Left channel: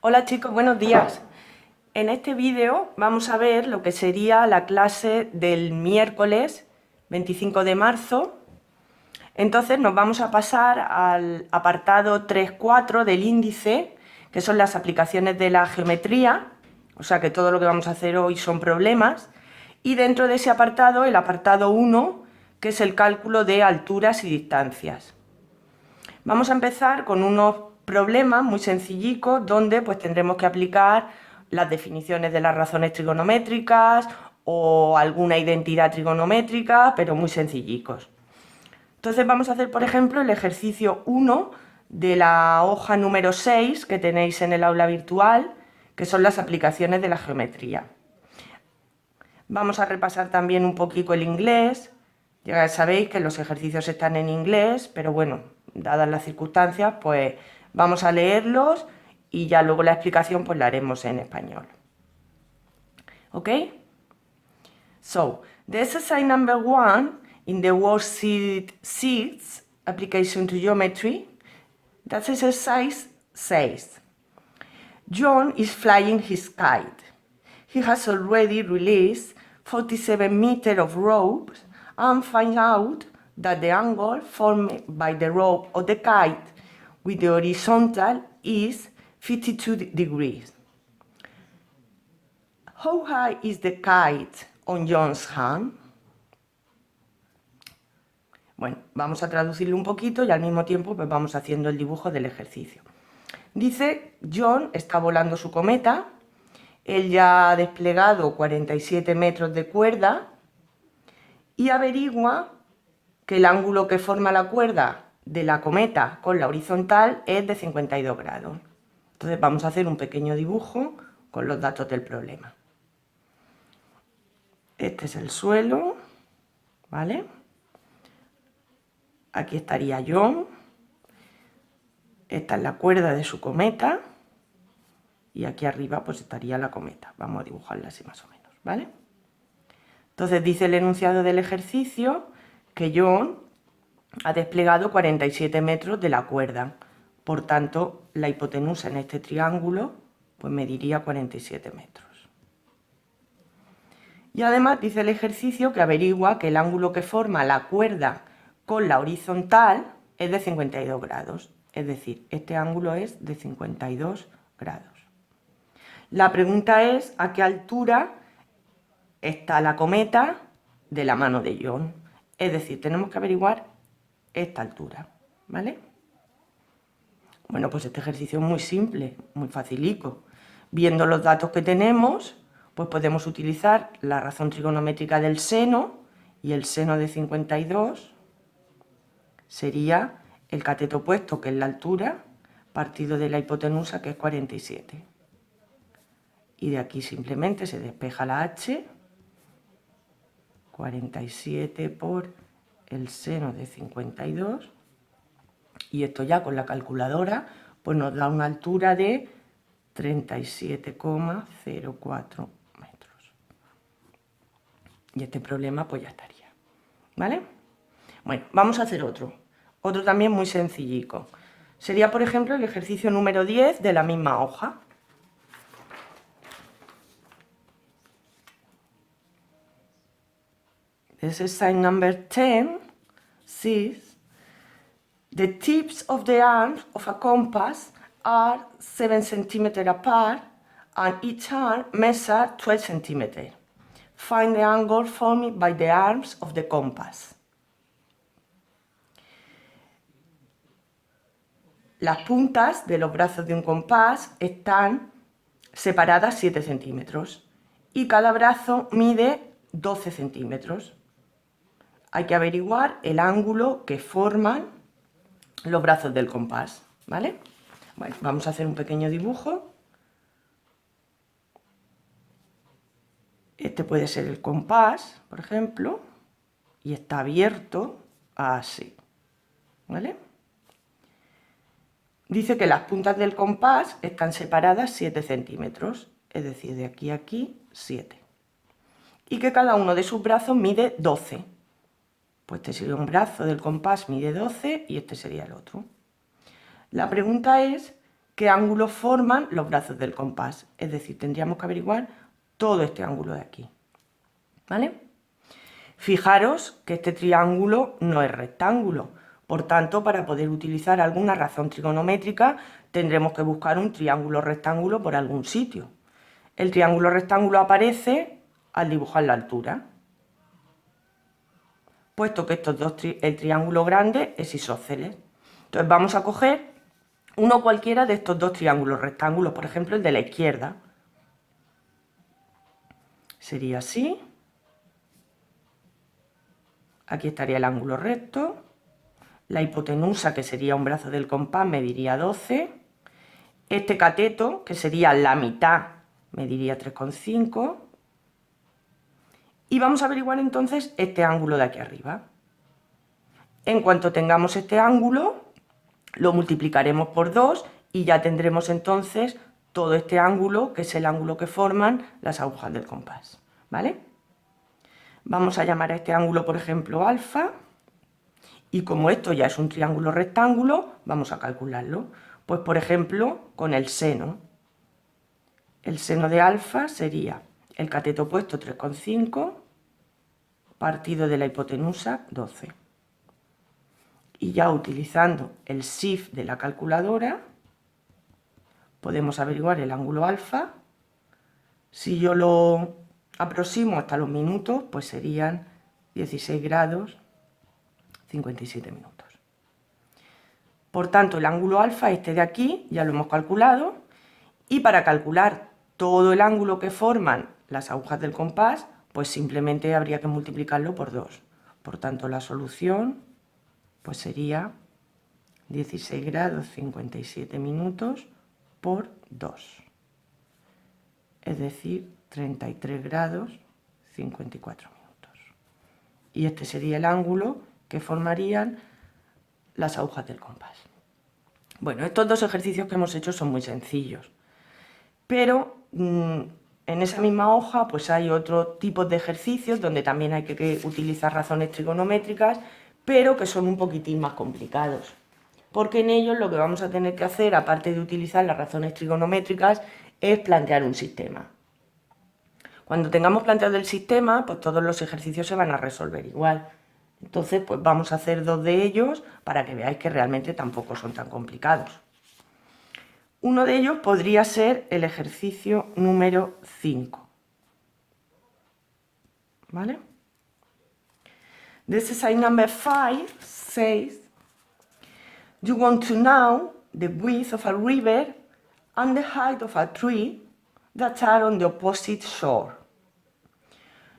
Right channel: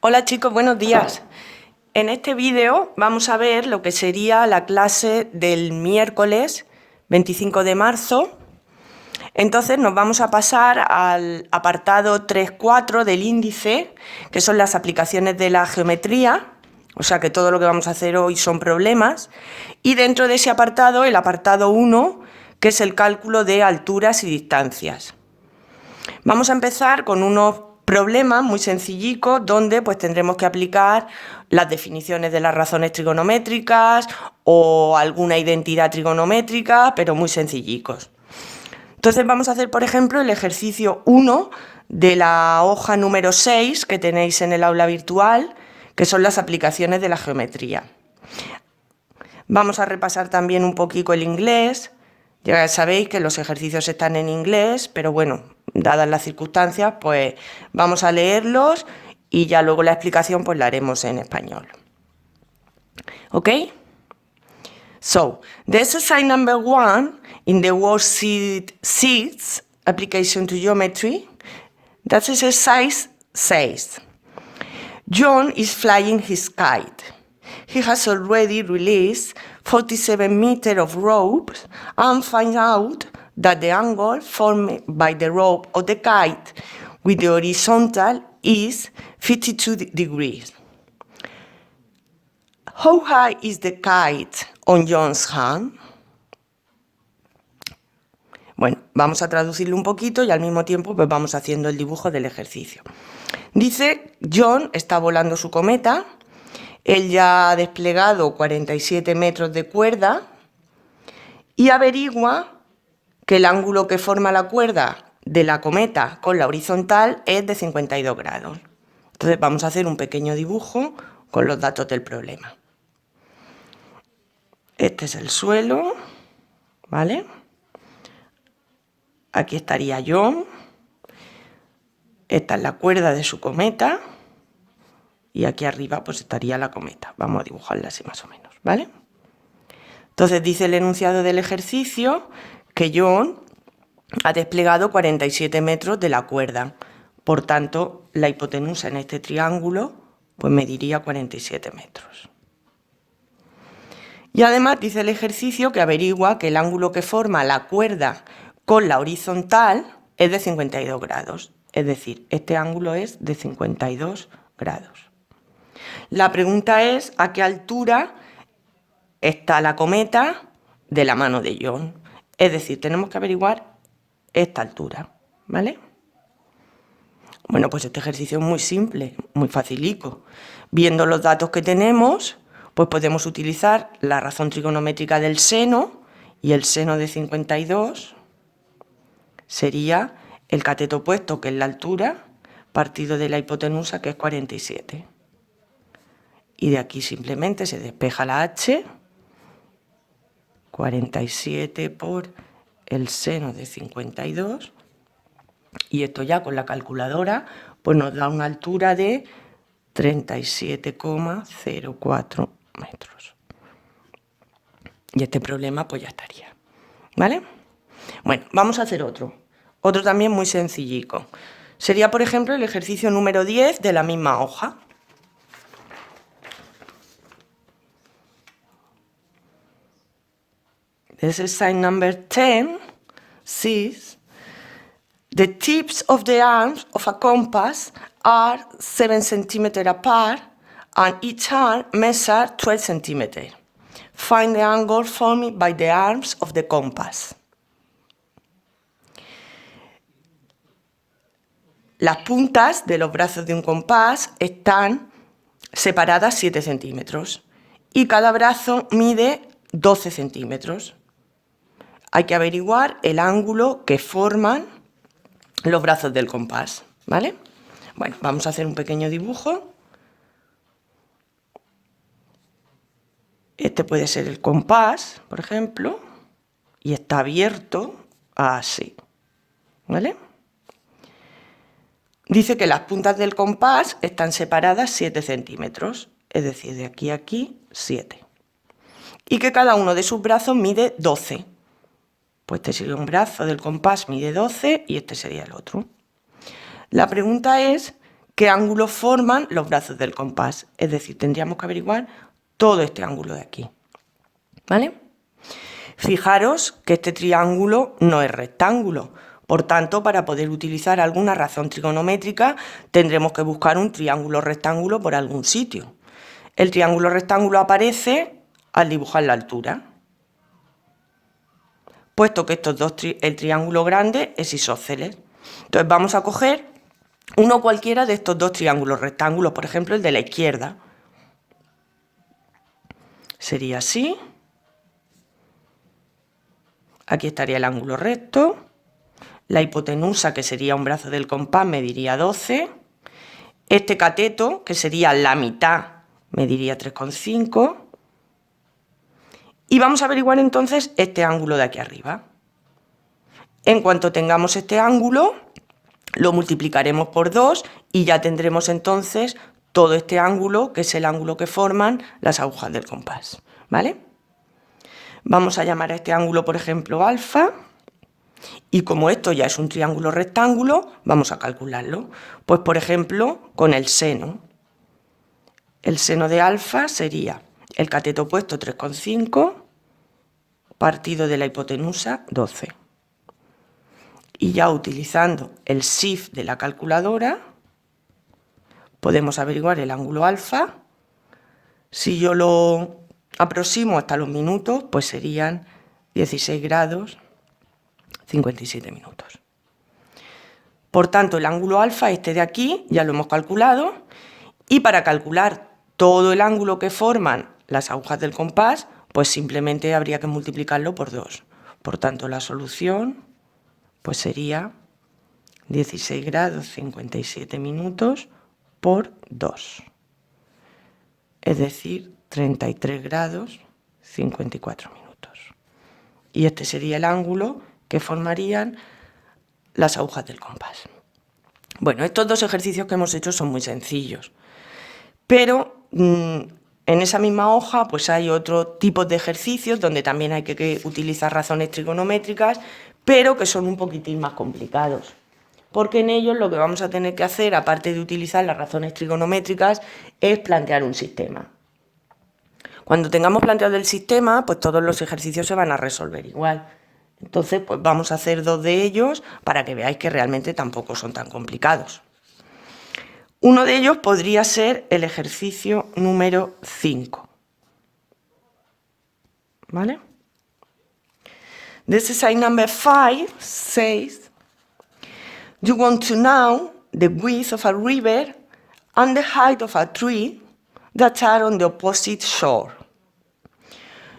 Hola chicos, buenos días. En este vídeo vamos a ver lo que sería la clase del miércoles 25 de marzo. Entonces nos vamos a pasar al apartado 3.4 del índice, que son las aplicaciones de la geometría, o sea que todo lo que vamos a hacer hoy son problemas. Y dentro de ese apartado, el apartado 1, que es el cálculo de alturas y distancias. Vamos a empezar con unos problemas muy sencillicos donde pues tendremos que aplicar las definiciones de las razones trigonométricas o alguna identidad trigonométrica, pero muy sencillicos. Entonces vamos a hacer, por ejemplo, el ejercicio 1 de la hoja número 6 que tenéis en el aula virtual, que son las aplicaciones de la geometría. Vamos a repasar también un poquito el inglés. Ya sabéis que los ejercicios están en inglés, pero bueno, dadas las circunstancias, pues vamos a leerlos y ya luego la explicación pues la haremos en español. ¿Ok? So, the exercise number 1 in the worksheet 6, application to geometry, that exercise says, John is flying his kite. He has already released 47 meters of rope and finds out that the angle formed by the rope of the kite with the horizontal is 52 degrees. How high is the kite on John's hand? Bueno, vamos a traducirlo un poquito y al mismo tiempo pues vamos haciendo el dibujo del ejercicio. Dice, John está volando su cometa. Él ya ha desplegado 47 metros de cuerda y averigua que el ángulo que forma la cuerda de la cometa con la horizontal es de 52 grados. Entonces vamos a hacer un pequeño dibujo con los datos del problema. Este es el suelo, ¿vale? Aquí estaría John. Esta es la cuerda de su cometa. Y aquí arriba pues estaría la cometa. Vamos a dibujarla así más o menos, ¿vale? Entonces dice el enunciado del ejercicio que John ha desplegado 47 metros de la cuerda. Por tanto, la hipotenusa en este triángulo pues mediría 47 metros. Y además dice el ejercicio que averigua que el ángulo que forma la cuerda con la horizontal es de 52 grados. Es decir, este ángulo es de 52 grados. La pregunta es a qué altura está la cometa de la mano de John. Es decir, tenemos que averiguar esta altura, ¿vale? Bueno, pues este ejercicio es muy simple, muy facilico. Viendo los datos que tenemos, pues podemos utilizar la razón trigonométrica del seno, y el seno de 52 sería el cateto opuesto, que es la altura, partido de la hipotenusa, que es 47. Y de aquí simplemente se despeja la h, 47 por el seno de 52, y esto ya con la calculadora pues nos da una altura de 37,04 metros. Y este problema pues ya estaría, ¿vale? Bueno, vamos a hacer otro también muy sencillico. Sería, por ejemplo, el ejercicio número 10 de la misma hoja. Exercise number 10 says, the tips of the arms of a compass are 7 centimeters apart and each arm measures 12 centimeters. Find the angle formed by the arms of the compass. Las puntas de los brazos de un compás están separadas 7 centímetros y cada brazo mide 12 centímetros. Hay que averiguar el ángulo que forman los brazos del compás, ¿vale? Bueno, vamos a hacer un pequeño dibujo. Este puede ser el compás, por ejemplo, y está abierto así, ¿vale? Dice que las puntas del compás están separadas 7 centímetros, es decir, de aquí a aquí 7. Y que cada uno de sus brazos mide 12. Pues este sería un brazo del compás, mide 12 y este sería el otro. La pregunta es qué ángulos forman los brazos del compás. Es decir, tendríamos que averiguar todo este ángulo de aquí. ¿Vale? Fijaros que este triángulo no es rectángulo. Por tanto, para poder utilizar alguna razón trigonométrica, tendremos que buscar un triángulo rectángulo por algún sitio. El triángulo rectángulo aparece al dibujar la altura, puesto que el triángulo grande es isósceles. Entonces vamos a coger uno cualquiera de estos dos triángulos rectángulos, por ejemplo el de la izquierda. Sería así. Aquí estaría el ángulo recto. La hipotenusa, que sería un brazo del compás, mediría 12. Este cateto, que sería la mitad, mediría 3,5. Y vamos a averiguar entonces este ángulo de aquí arriba. En cuanto tengamos este ángulo, lo multiplicaremos por 2 y ya tendremos entonces todo este ángulo, que es el ángulo que forman las agujas del compás. ¿Vale? Vamos a llamar a este ángulo, por ejemplo, alfa. Y como esto ya es un triángulo rectángulo, vamos a calcularlo. Pues, por ejemplo, con el seno. El seno de alfa sería el cateto opuesto 3,5 partido de la hipotenusa 12. Y ya utilizando el SIF de la calculadora, podemos averiguar el ángulo alfa. Si yo lo aproximo hasta los minutos, pues serían 16 grados 57 minutos. Por tanto, el ángulo alfa, este de aquí, ya lo hemos calculado. Y para calcular todo el ángulo que forman las agujas del compás, pues simplemente habría que multiplicarlo por 2. Por tanto, la solución pues sería 16 grados 57 minutos por 2. Es decir, 33 grados 54 minutos. Y este sería el ángulo que formarían las agujas del compás. Bueno, estos dos ejercicios que hemos hecho son muy sencillos, pero en esa misma hoja pues hay otro tipo de ejercicios donde también hay que utilizar razones trigonométricas, pero que son un poquitín más complicados, porque en ellos lo que vamos a tener que hacer, aparte de utilizar las razones trigonométricas, es plantear un sistema. Cuando tengamos planteado el sistema, pues todos los ejercicios se van a resolver igual. Entonces, pues vamos a hacer 2 de ellos para que veáis que realmente tampoco son tan complicados. Uno de ellos podría ser el ejercicio número 5. ¿Vale? The exercise number 5 says, you want to know the width of a river and the height of a tree that are on the opposite shore.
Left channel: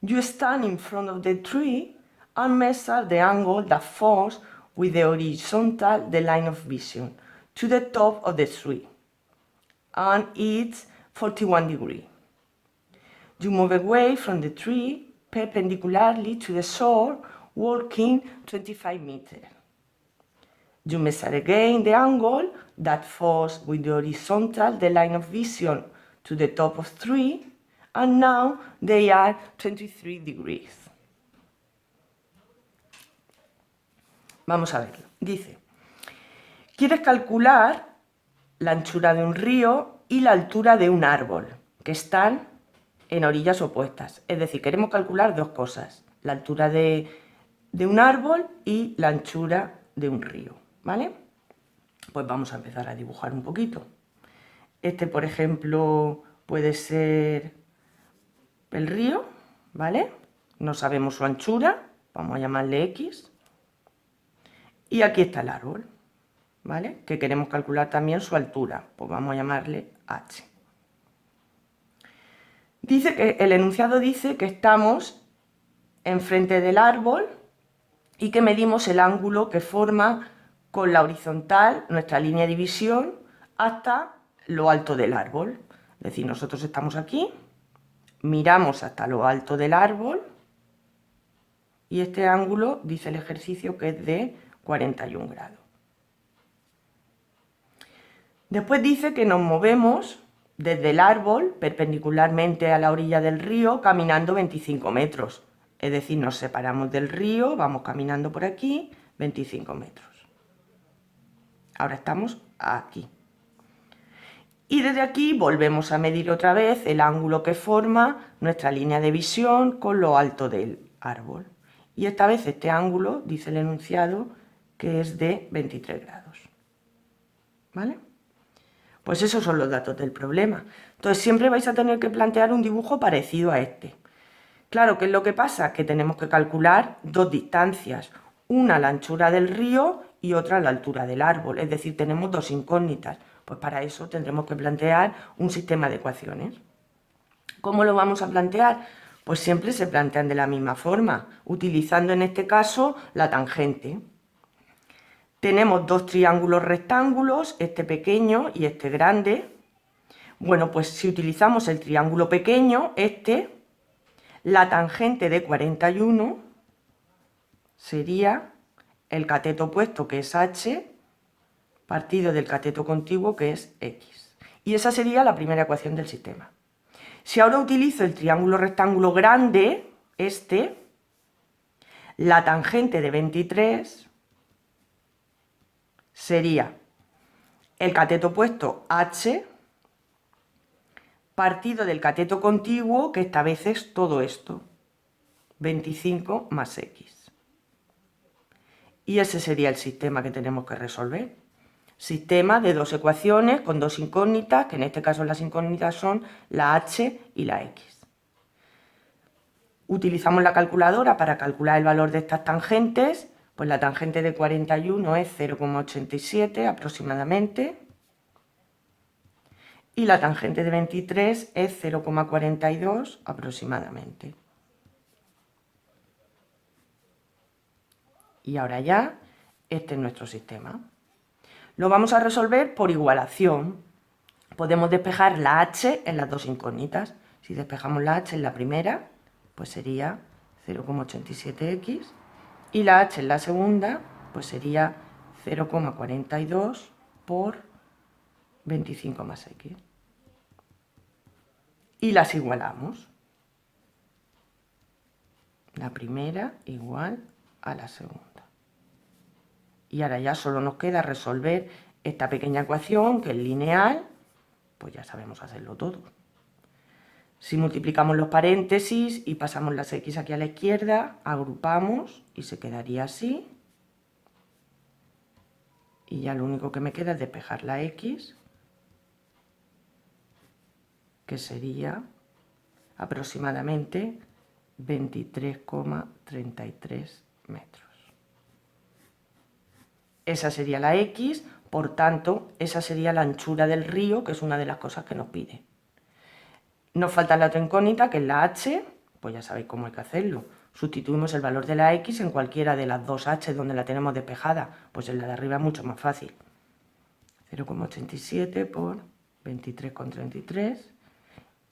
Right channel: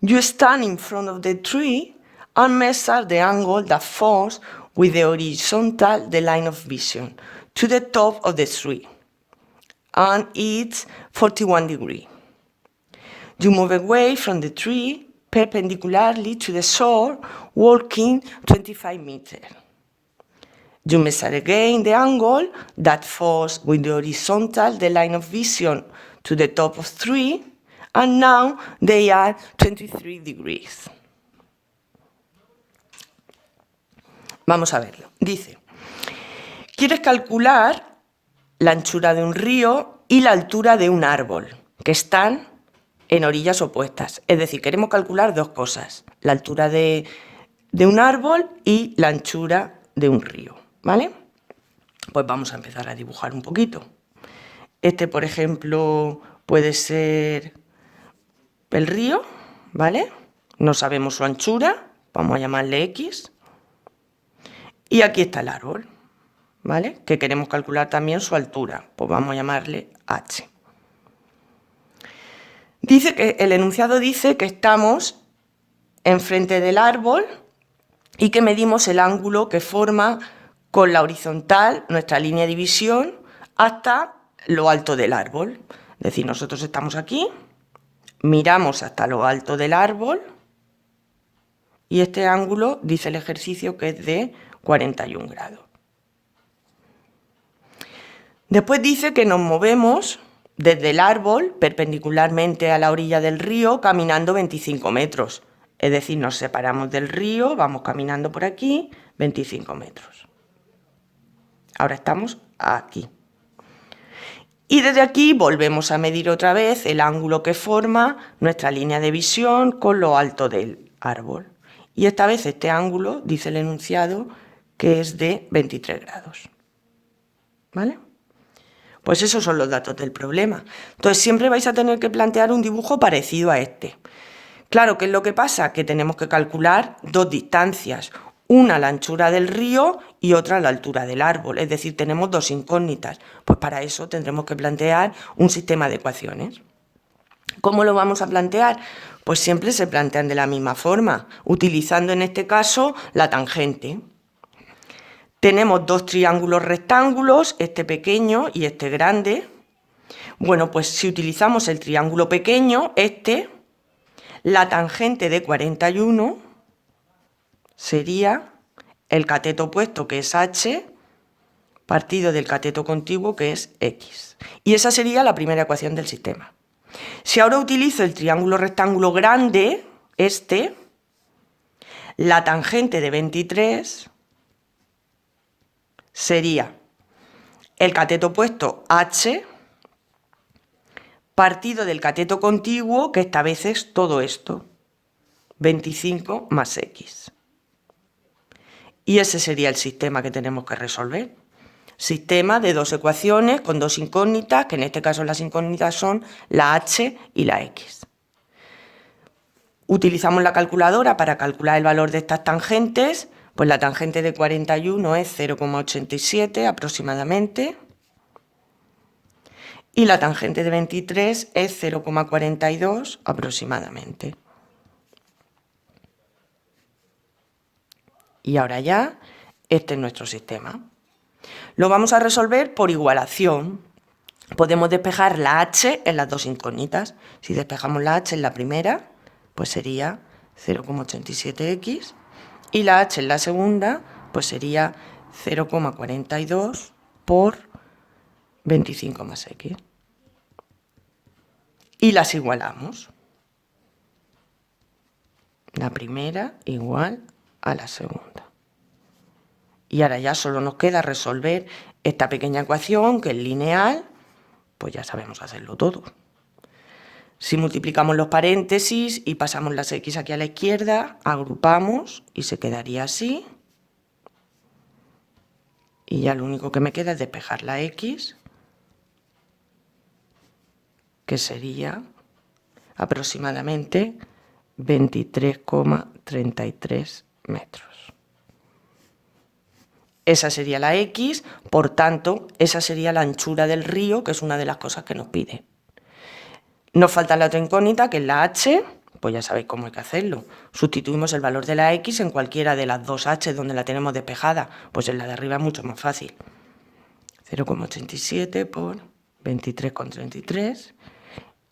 You stand in front of the tree and measure the angle that forms with the horizontal the line of vision to the top of the tree, and it's 41 degrees. You move away from the tree perpendicularly to the shore, walking 25 meters. You measure again the angle that falls with the horizontal the line of vision to the top of the tree, and now they are 23 degrees. Vamos a verlo. Dice, quieres calcular la anchura de un río y la altura de un árbol, que están en orillas opuestas. Es decir, queremos calcular dos cosas, la altura de un árbol y la anchura de un río, ¿vale? Pues vamos a empezar a dibujar un poquito. Este, por ejemplo, puede ser el río, ¿vale? No sabemos su anchura, vamos a llamarle X. Y aquí está el árbol, ¿vale? Que queremos calcular también su altura, pues vamos a llamarle H. Dice que el enunciado dice que estamos enfrente del árbol y que medimos el ángulo que forma con la horizontal nuestra línea de visión hasta lo alto del árbol. Es decir, nosotros estamos aquí, miramos hasta lo alto del árbol y este ángulo, dice el ejercicio, que es de 41 grados. Después dice que nos movemos desde el árbol perpendicularmente a la orilla del río caminando 25 metros. Es decir, nos separamos del río, vamos caminando por aquí 25 metros. Ahora estamos aquí. Y desde aquí volvemos a medir otra vez el ángulo que forma nuestra línea de visión con lo alto del árbol. Y esta vez este ángulo, dice el enunciado, que es de 23 grados. ¿Vale? Pues esos son los datos del problema. Entonces siempre vais a tener que plantear un dibujo parecido a este. Claro, ¿qué es lo que pasa? Que tenemos que calcular dos distancias, una a la anchura del río y otra a la altura del árbol, es decir, tenemos dos incógnitas. Pues para eso tendremos que plantear un sistema de ecuaciones. ¿Cómo lo vamos a plantear? Pues siempre se plantean de la misma forma, utilizando en este caso la tangente. Tenemos dos triángulos rectángulos, este pequeño y este grande. Bueno, pues si utilizamos el triángulo pequeño, la tangente de 41 sería el cateto opuesto, que es h, partido del cateto contiguo, que es x. Y esa sería la primera ecuación del sistema. Si ahora utilizo el triángulo rectángulo grande, la tangente de 23 sería el cateto opuesto h, partido del cateto contiguo, que esta vez es todo esto, 25 más x. Y ese sería el sistema que tenemos que resolver. Sistema de dos ecuaciones con dos incógnitas, que en este caso las incógnitas son la h y la x. Utilizamos la calculadora para calcular el valor de estas tangentes, pues la tangente de 41 es 0,87 aproximadamente, y la tangente de 23 es 0,42 aproximadamente. Y ahora ya, este es nuestro sistema. Lo vamos a resolver por igualación. Podemos despejar la h en las dos incógnitas. Si despejamos la h en la primera, pues sería 0,87x, y la h en la segunda, pues sería 0,42 por 25 más x. Y las igualamos. La primera igual a la segunda. Y ahora ya solo nos queda resolver esta pequeña ecuación, que es lineal, pues ya sabemos hacerlo todo. Si multiplicamos los paréntesis y pasamos las x aquí a la izquierda, agrupamos y se quedaría así. Y ya lo único que me queda es despejar la x, que sería aproximadamente 23,33 metros. Esa sería la x, por tanto, esa sería la anchura del río, que es una de las cosas que nos pide. Nos falta la otra incógnita, que es la h, pues ya sabéis cómo hay que hacerlo. Sustituimos el valor de la x en cualquiera de las dos h donde la tenemos despejada, pues en la de arriba es mucho más fácil. 0,87 por 23,33,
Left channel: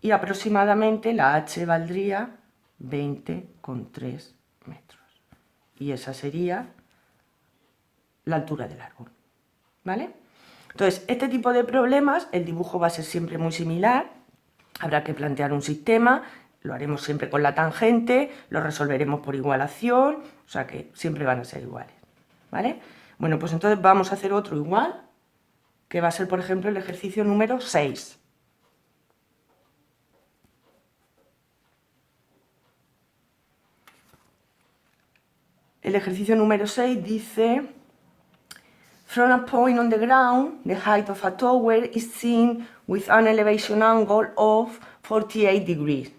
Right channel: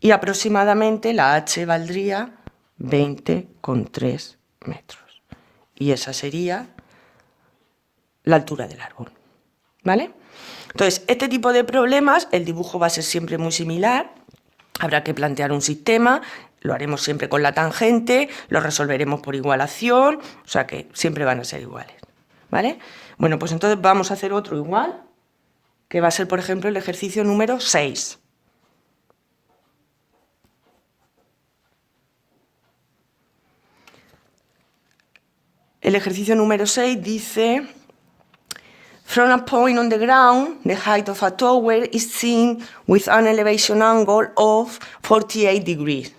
y aproximadamente la h valdría 20,3 metros. Y esa sería la altura del árbol. ¿Vale? Entonces, este tipo de problemas, el dibujo va a ser siempre muy similar. Habrá que plantear un sistema, lo haremos siempre con la tangente, lo resolveremos por igualación, o sea que siempre van a ser iguales. ¿Vale? Bueno, pues entonces vamos a hacer otro igual, que va a ser, por ejemplo, el ejercicio número 6. El ejercicio número 6 dice: from a point on the ground, the height of a tower is seen with an elevation angle of 48 degrees.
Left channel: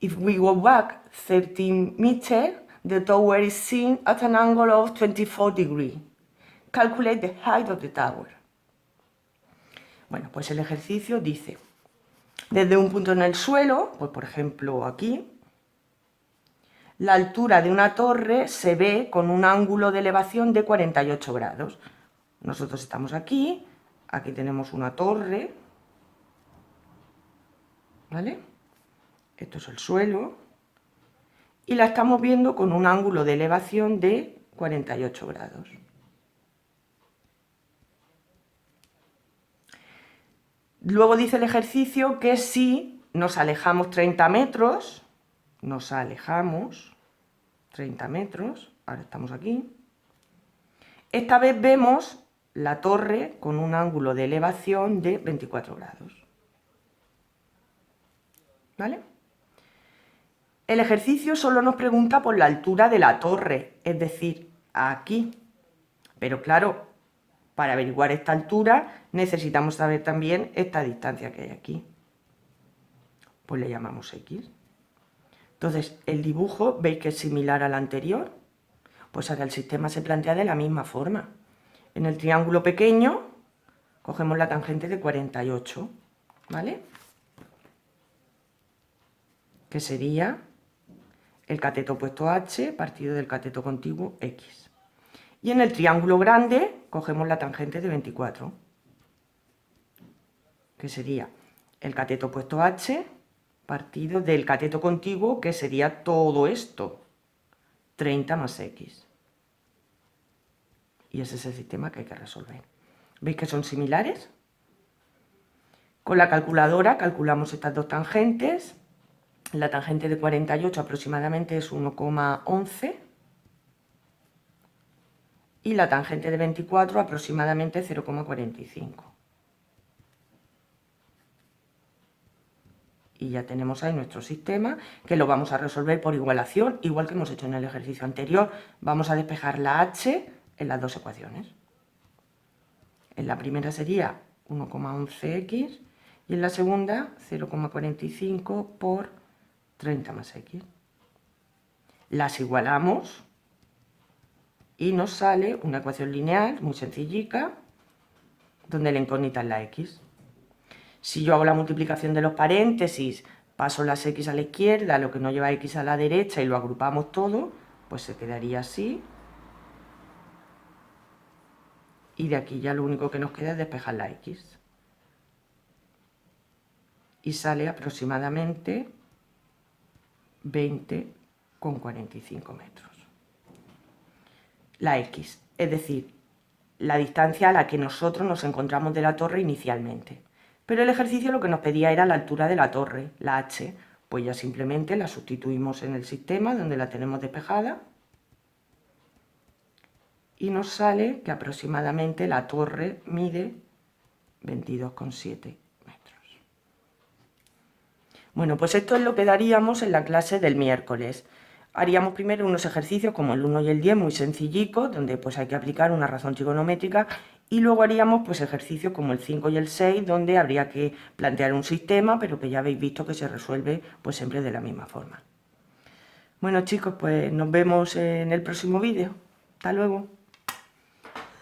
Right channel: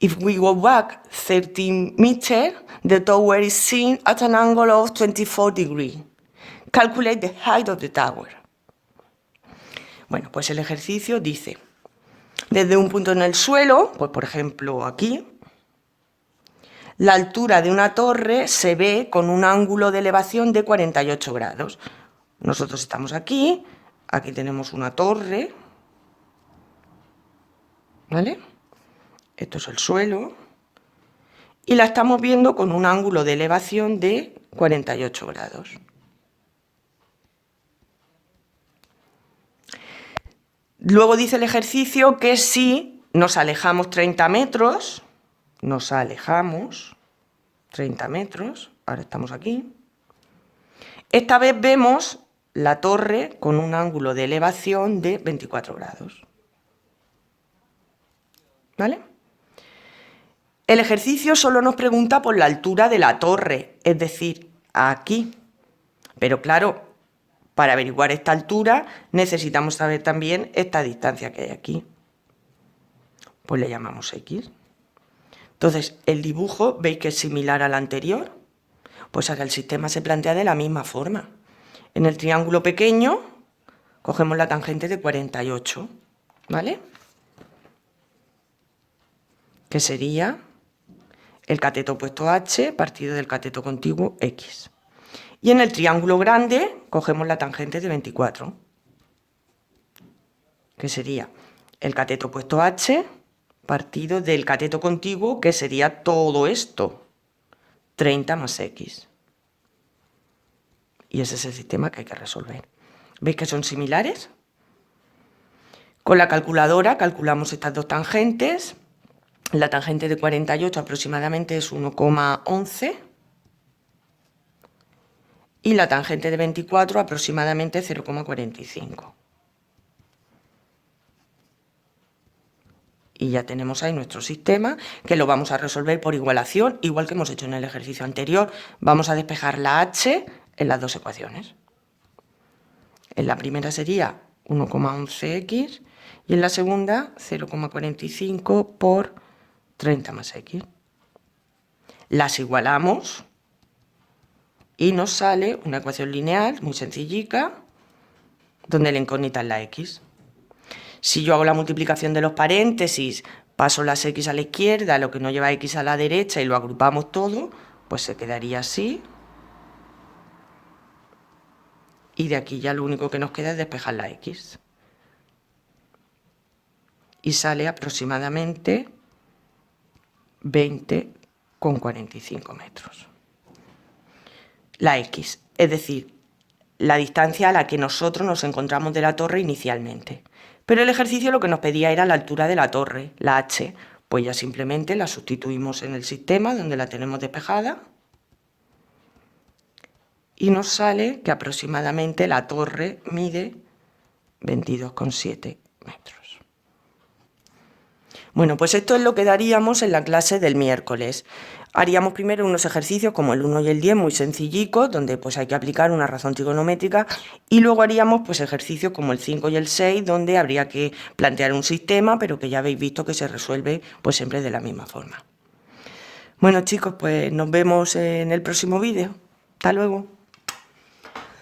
If we go back 13 meters, the tower is seen at an angle of 24 degrees. Calculate the height of the tower. Bueno, pues el ejercicio dice, desde un punto en el suelo, pues por ejemplo aquí, la altura de una torre se ve con un ángulo de elevación de 48 grados. Nosotros estamos aquí, aquí tenemos una torre, ¿vale? Esto es el suelo, y la estamos viendo con un ángulo de elevación de 48 grados. Luego dice el ejercicio que si nos alejamos 30 metros, ahora estamos aquí, esta vez vemos la torre con un ángulo de elevación de 24 grados. ¿Vale? El ejercicio solo nos pregunta por la altura de la torre, es decir, aquí. Pero claro, para averiguar esta altura necesitamos saber también esta distancia que hay aquí. Pues le llamamos X. Entonces, el dibujo, ¿veis que es similar al anterior? Pues ahora el sistema se plantea de la misma forma. En el triángulo pequeño, cogemos la tangente de 48, ¿vale? Que sería el cateto opuesto H partido del cateto contiguo X. Y en el triángulo grande, cogemos la tangente de 24, que sería el cateto opuesto H partido del cateto contiguo, que sería todo esto, 30 más X. Y ese es el sistema que hay que resolver. ¿Veis que son similares? Con la calculadora calculamos estas dos tangentes. La tangente de 48 aproximadamente es 1,11 y la tangente de 24 aproximadamente 0,45. Y ya tenemos ahí nuestro sistema, que lo vamos a resolver por igualación, igual que hemos hecho en el ejercicio anterior. Vamos a despejar la h en las dos ecuaciones. En la primera sería 1,11x y en la segunda 0,45 por 30 más x. Las igualamos y nos sale una ecuación lineal muy sencillica, donde la incógnita es la x. Si yo hago la multiplicación de los paréntesis, paso las x a la izquierda, lo que no lleva x a la derecha y lo agrupamos todo, pues se quedaría así. Y de aquí ya lo único que nos queda es despejar la x. Y sale aproximadamente 20,45 metros. La x, es decir, la distancia a la que nosotros nos encontramos de la torre inicialmente. Pero el ejercicio lo que nos pedía era la altura de la torre, la h. Pues ya simplemente la sustituimos en el sistema donde la tenemos despejada. Y nos sale que aproximadamente la torre mide 22,7 metros. Bueno, pues esto es lo que daríamos en la clase del miércoles. Haríamos primero unos ejercicios como el 1 y el 10 muy sencillicos, donde pues hay que aplicar una razón trigonométrica, y luego haríamos pues ejercicios como el 5 y el 6, donde habría que plantear un sistema, pero que ya habéis visto que se resuelve pues siempre de la misma forma. Bueno chicos, pues nos vemos en el próximo vídeo. Hasta luego.